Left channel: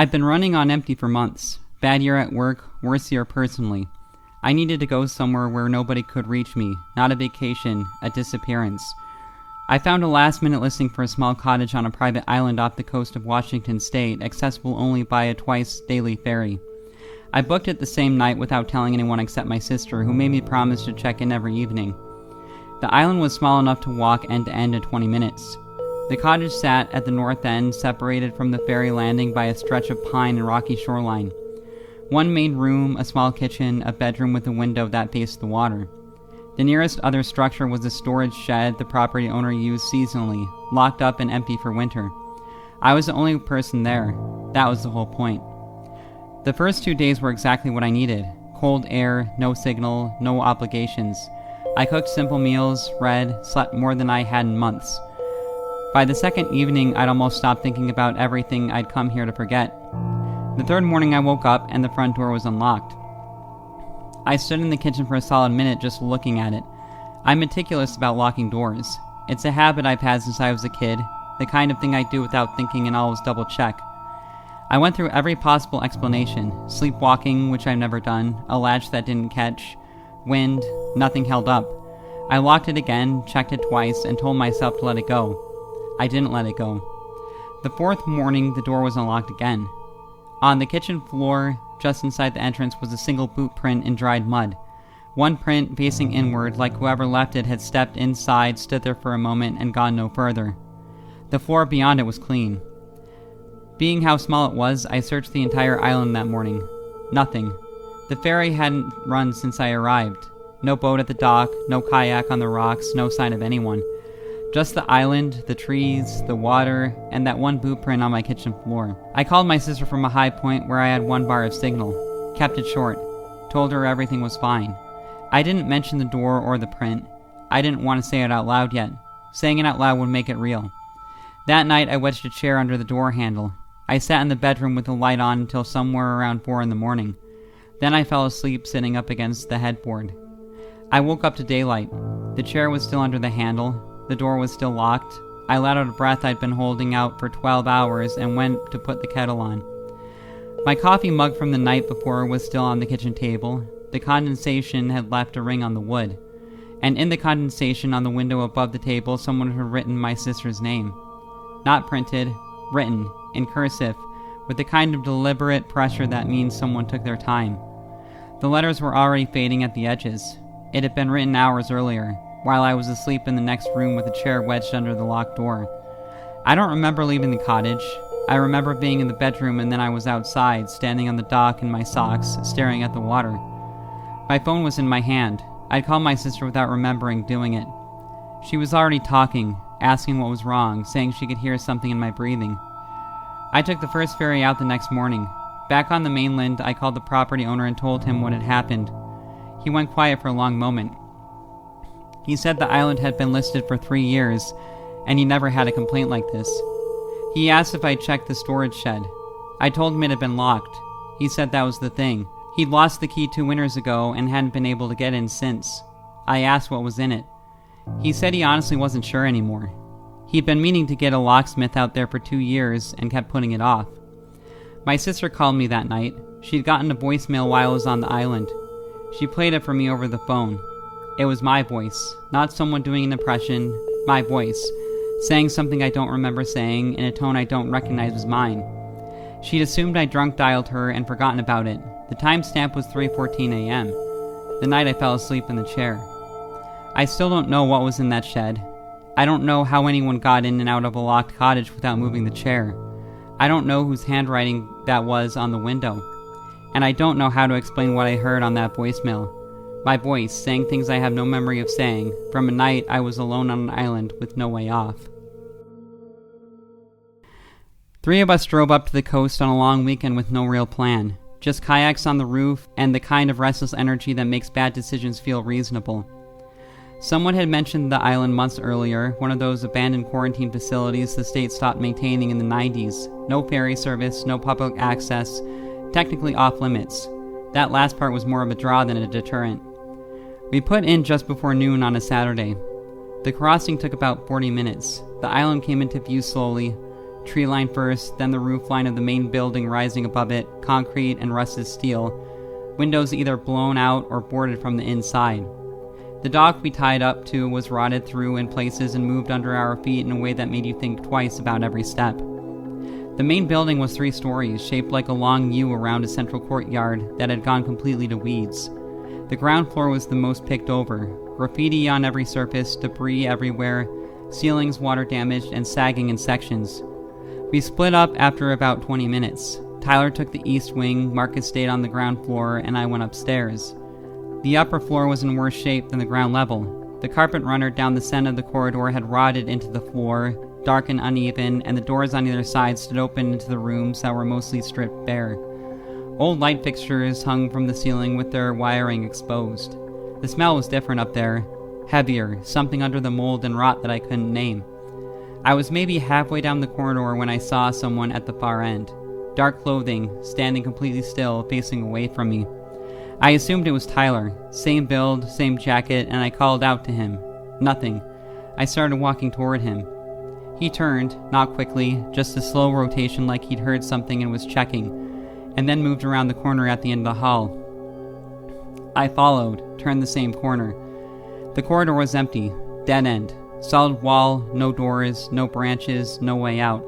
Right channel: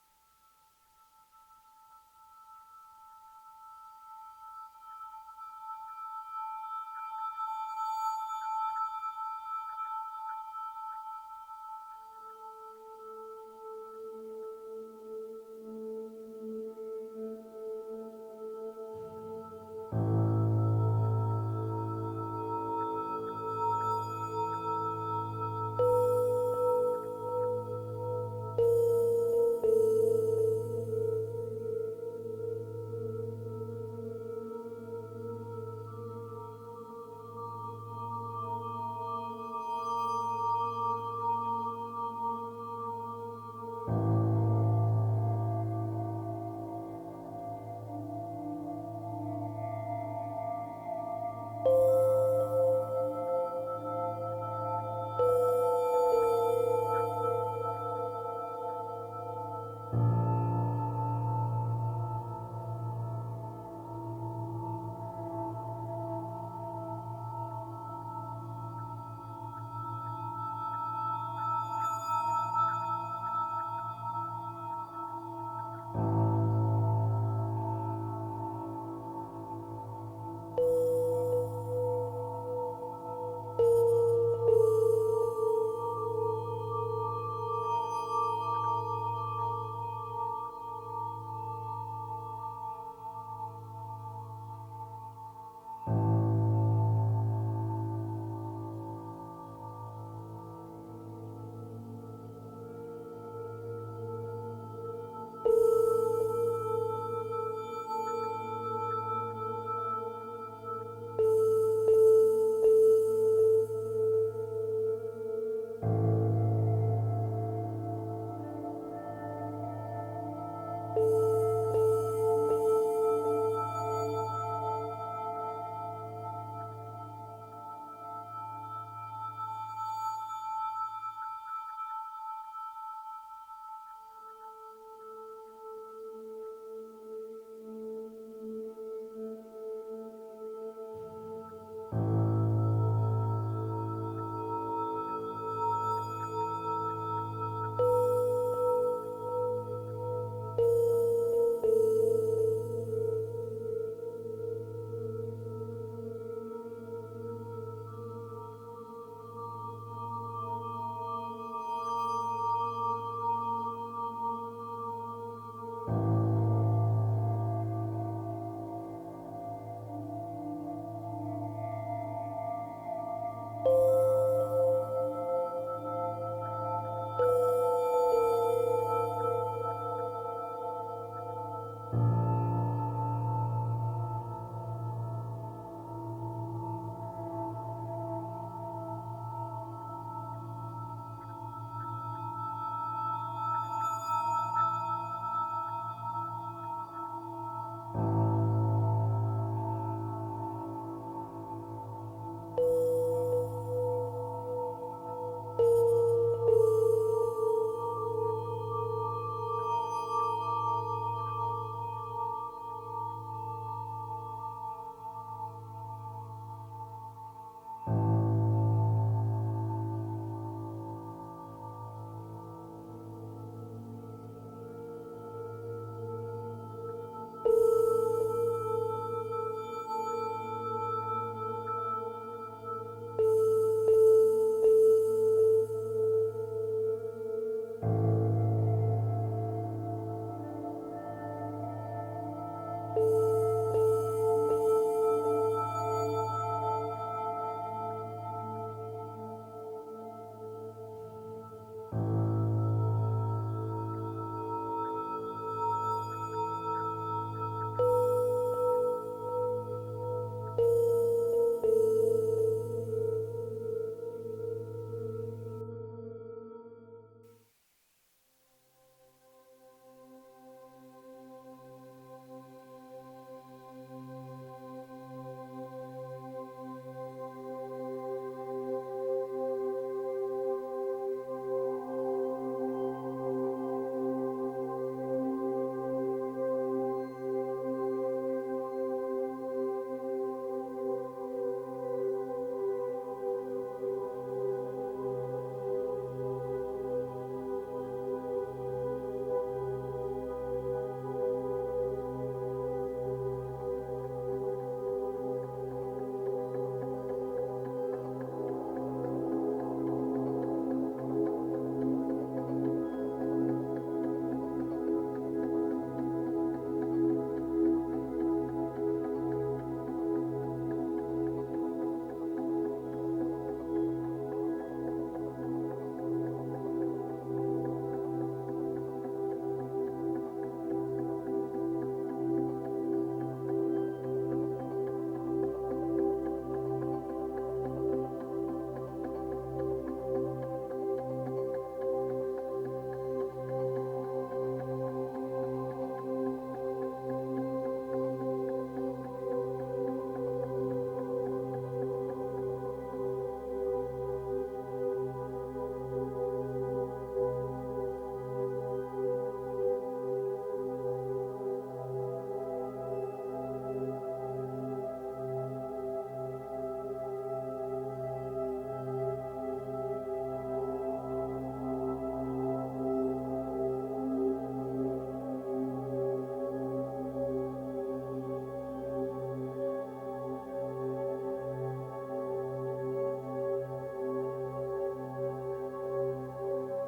I've been running on empty for months. Bad year at work, worse year personally. I needed to go somewhere where nobody could reach me, not a vacation, a disappearance. I found a last-minute listing for a small cottage on a private island off the coast of Washington State, accessible only by a twice-daily ferry. I booked it the same night without telling anyone except my sister, who made me promise to check in every evening. The island was small enough to walk end to end in 20 minutes. The cottage sat at the north end, separated from the ferry landing by a stretch of pine and rocky shoreline. One main room, a small kitchen, a bedroom with a window that faced the water. The nearest other structure was a storage shed the property owner used seasonally, locked up and empty for winter. I was the only person there. That was the whole point. The first 2 days were exactly what I needed. Cold air, no signal, no obligations. I cooked simple meals, read, slept more than I had in months. By the second evening, I'd almost stopped thinking about everything I'd come here to forget. The third morning I woke up and the front door was unlocked. I stood in the kitchen for a solid minute just looking at it. I'm meticulous about locking doors. It's a habit I've had since I was a kid, the kind of thing I do without thinking and always double check. I went through every possible explanation. Sleepwalking, which I've never done, a latch that didn't catch, wind, nothing held up. I locked it again, checked it twice, and told myself to let it go. I didn't let it go. The fourth morning, the door was unlocked again. On the kitchen floor, just inside the entrance, was a single boot print in dried mud. One print facing inward, like whoever left it had stepped inside, stood there for a moment, and gone no further. The floor beyond it was clean. Being how small it was, I searched the entire island that morning. Nothing. The ferry hadn't run since I arrived. No boat at the dock, no kayak on the rocks, no sign of anyone. Just the island, the trees, the water, and that one boot print on my kitchen floor. I called my sister from a high point where I had 1 bar of signal. Kept it short. Told her everything was fine. I didn't mention the door or the print. I didn't want to say it out loud yet. Saying it out loud would make it real. That night I wedged a chair under the door handle. I sat in the bedroom with the light on until somewhere around 4 in the morning. Then I fell asleep sitting up against the headboard. I woke up to daylight. The chair was still under the handle. The door was still locked. I let out a breath I'd been holding out for 12 hours and went to put the kettle on. My coffee mug from the night before was still on the kitchen table. The condensation had left a ring on the wood. And in the condensation on the window above the table, someone had written my sister's name. Not printed, written, in cursive, with the kind of deliberate pressure that means someone took their time. The letters were already fading at the edges. It had been written hours earlier, while I was asleep in the next room with a chair wedged under the locked door. I don't remember leaving the cottage. I remember being in the bedroom and then I was outside, standing on the dock in my socks, staring at the water. My phone was in my hand. I'd called my sister without remembering doing it. She was already talking, asking what was wrong, saying she could hear something in my breathing. I took the first ferry out the next morning. Back on the mainland, I called the property owner and told him what had happened. He went quiet for a long moment. He said the island had been listed for 3 years, and he never had a complaint like this. He asked if I'd checked the storage shed. I told him it had been locked. He said that was the thing. He'd lost the key 2 winters ago and hadn't been able to get in since. I asked what was in it. He said he honestly wasn't sure anymore. He'd been meaning to get a locksmith out there for 2 years and kept putting it off. My sister called me that night. She'd gotten a voicemail while I was on the island. She played it for me over the phone. It was my voice, not someone doing an impression, my voice, saying something I don't remember saying in a tone I don't recognize as mine. She'd assumed I drunk dialed her and forgotten about it. The timestamp was 3:14 a.m., the night I fell asleep in the chair. I still don't know what was in that shed. I don't know how anyone got in and out of a locked cottage without moving the chair. I don't know whose handwriting that was on the window. And I don't know how to explain what I heard on that voicemail. My voice saying things I have no memory of saying, from a night I was alone on an island with no way off. 3 of us drove up to the coast on a long weekend with no real plan. Just kayaks on the roof and the kind of restless energy that makes bad decisions feel reasonable. Someone had mentioned the island months earlier, one of those abandoned quarantine facilities the state stopped maintaining in the 90s. No ferry service, no public access, technically off limits. That last part was more of a draw than a deterrent. We put in just before noon on a Saturday. The crossing took about 40 minutes. The island came into view slowly. Tree line first, then the roof line of the main building rising above it, concrete and rusted steel. Windows either blown out or boarded from the inside. The dock we tied up to was rotted through in places and moved under our feet in a way that made you think twice about every step. The main building was 3 stories, shaped like a long U around a central courtyard that had gone completely to weeds. The ground floor was the most picked over. Graffiti on every surface, debris everywhere, ceilings water damaged and sagging in sections. We split up after about 20 minutes. Tyler took the east wing, Marcus stayed on the ground floor, and I went upstairs. The upper floor was in worse shape than the ground level. The carpet runner down the center of the corridor had rotted into the floor, dark and uneven, and the doors on either side stood open into the rooms that were mostly stripped bare. Old light fixtures hung from the ceiling with their wiring exposed. The smell was different up there, heavier, something under the mold and rot that I couldn't name. I was maybe halfway down the corridor when I saw someone at the far end. Dark clothing, standing completely still, facing away from me. I assumed it was Tyler. Same build, same jacket, and I called out to him. Nothing. I started walking toward him. He turned, not quickly, just a slow rotation like he'd heard something and was checking, and then moved around the corner at the end of the hall. I followed, turned the same corner. The corridor was empty, dead end. Solid wall, no doors, no branches, no way out.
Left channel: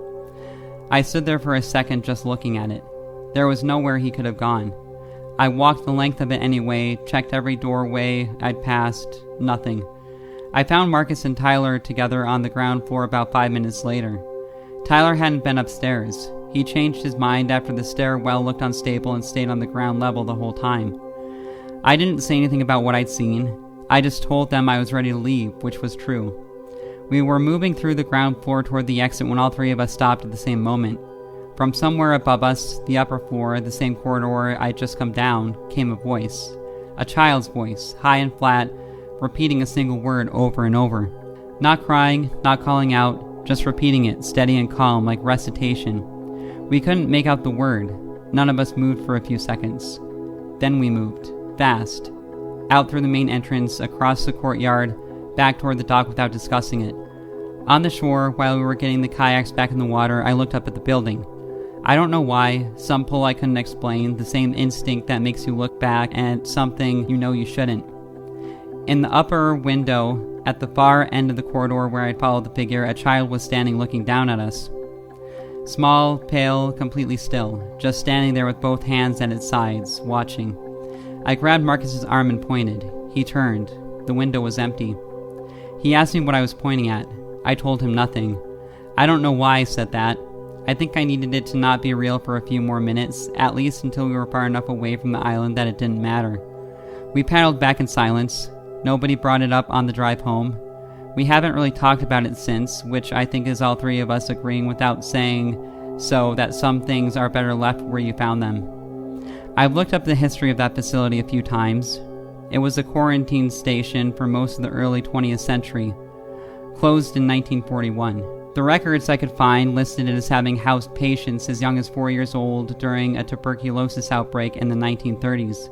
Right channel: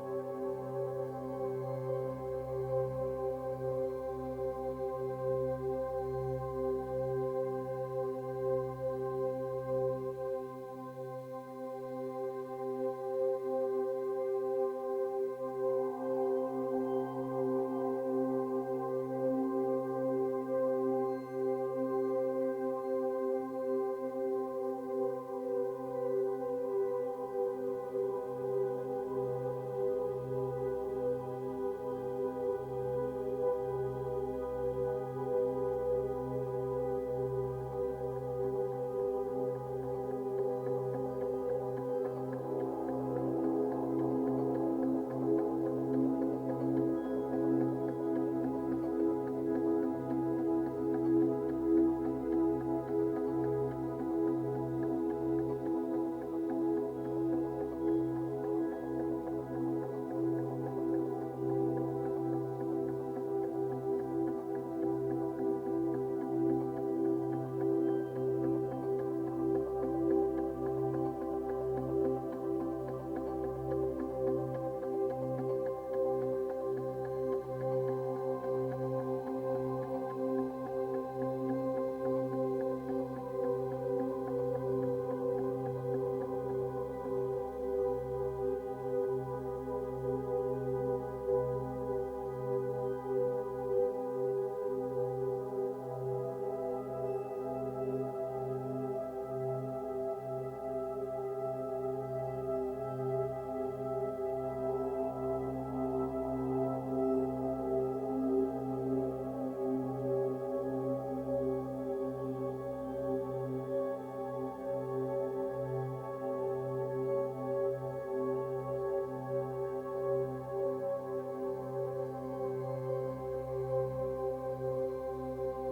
I stood there for a second just looking at it. There was nowhere he could have gone. I walked the length of it anyway, checked every doorway I'd passed, nothing. I found Marcus and Tyler together on the ground floor about 5 minutes later. Tyler hadn't been upstairs. He changed his mind after the stairwell looked unstable and stayed on the ground level the whole time. I didn't say anything about what I'd seen. I just told them I was ready to leave, which was true. We were moving through the ground floor toward the exit when all 3 of us stopped at the same moment. From somewhere above us, the upper floor, the same corridor I'd just come down, came a voice. A child's voice, high and flat, repeating a single word over and over. Not crying, not calling out, just repeating it, steady and calm, like recitation. We couldn't make out the word. None of us moved for a few seconds. Then we moved, fast, out through the main entrance, across the courtyard, back toward the dock without discussing it. On the shore, while we were getting the kayaks back in the water, I looked up at the building. I don't know why, some pull I couldn't explain, the same instinct that makes you look back at something you know you shouldn't. In the upper window, at the far end of the corridor where I'd followed the figure, a child was standing looking down at us. Small, pale, completely still, just standing there with both hands at its sides, watching. I grabbed Marcus's arm and pointed. He turned. The window was empty. He asked me what I was pointing at. I told him nothing. I don't know why I said that. I think I needed it to not be real for a few more minutes, at least until we were far enough away from the island that it didn't matter. We paddled back in silence. Nobody brought it up on the drive home. We haven't really talked about it since, which I think is all 3 of us agreeing without saying so that some things are better left where you found them. I've looked up the history of that facility a few times. It was a quarantine station for most of the early 20th century, closed in 1941. The records I could find listed it as having housed patients as young as 4 years old during a tuberculosis outbreak in the 1930s.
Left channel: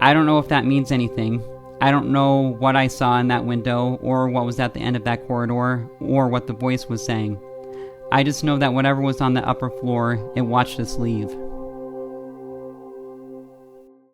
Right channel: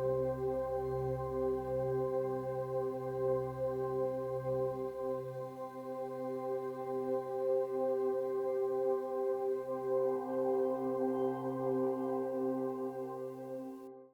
I don't know if that means anything. I don't know what I saw in that window, or what was at the end of that corridor, or what the voice was saying. I just know that whatever was on the upper floor, it watched us leave.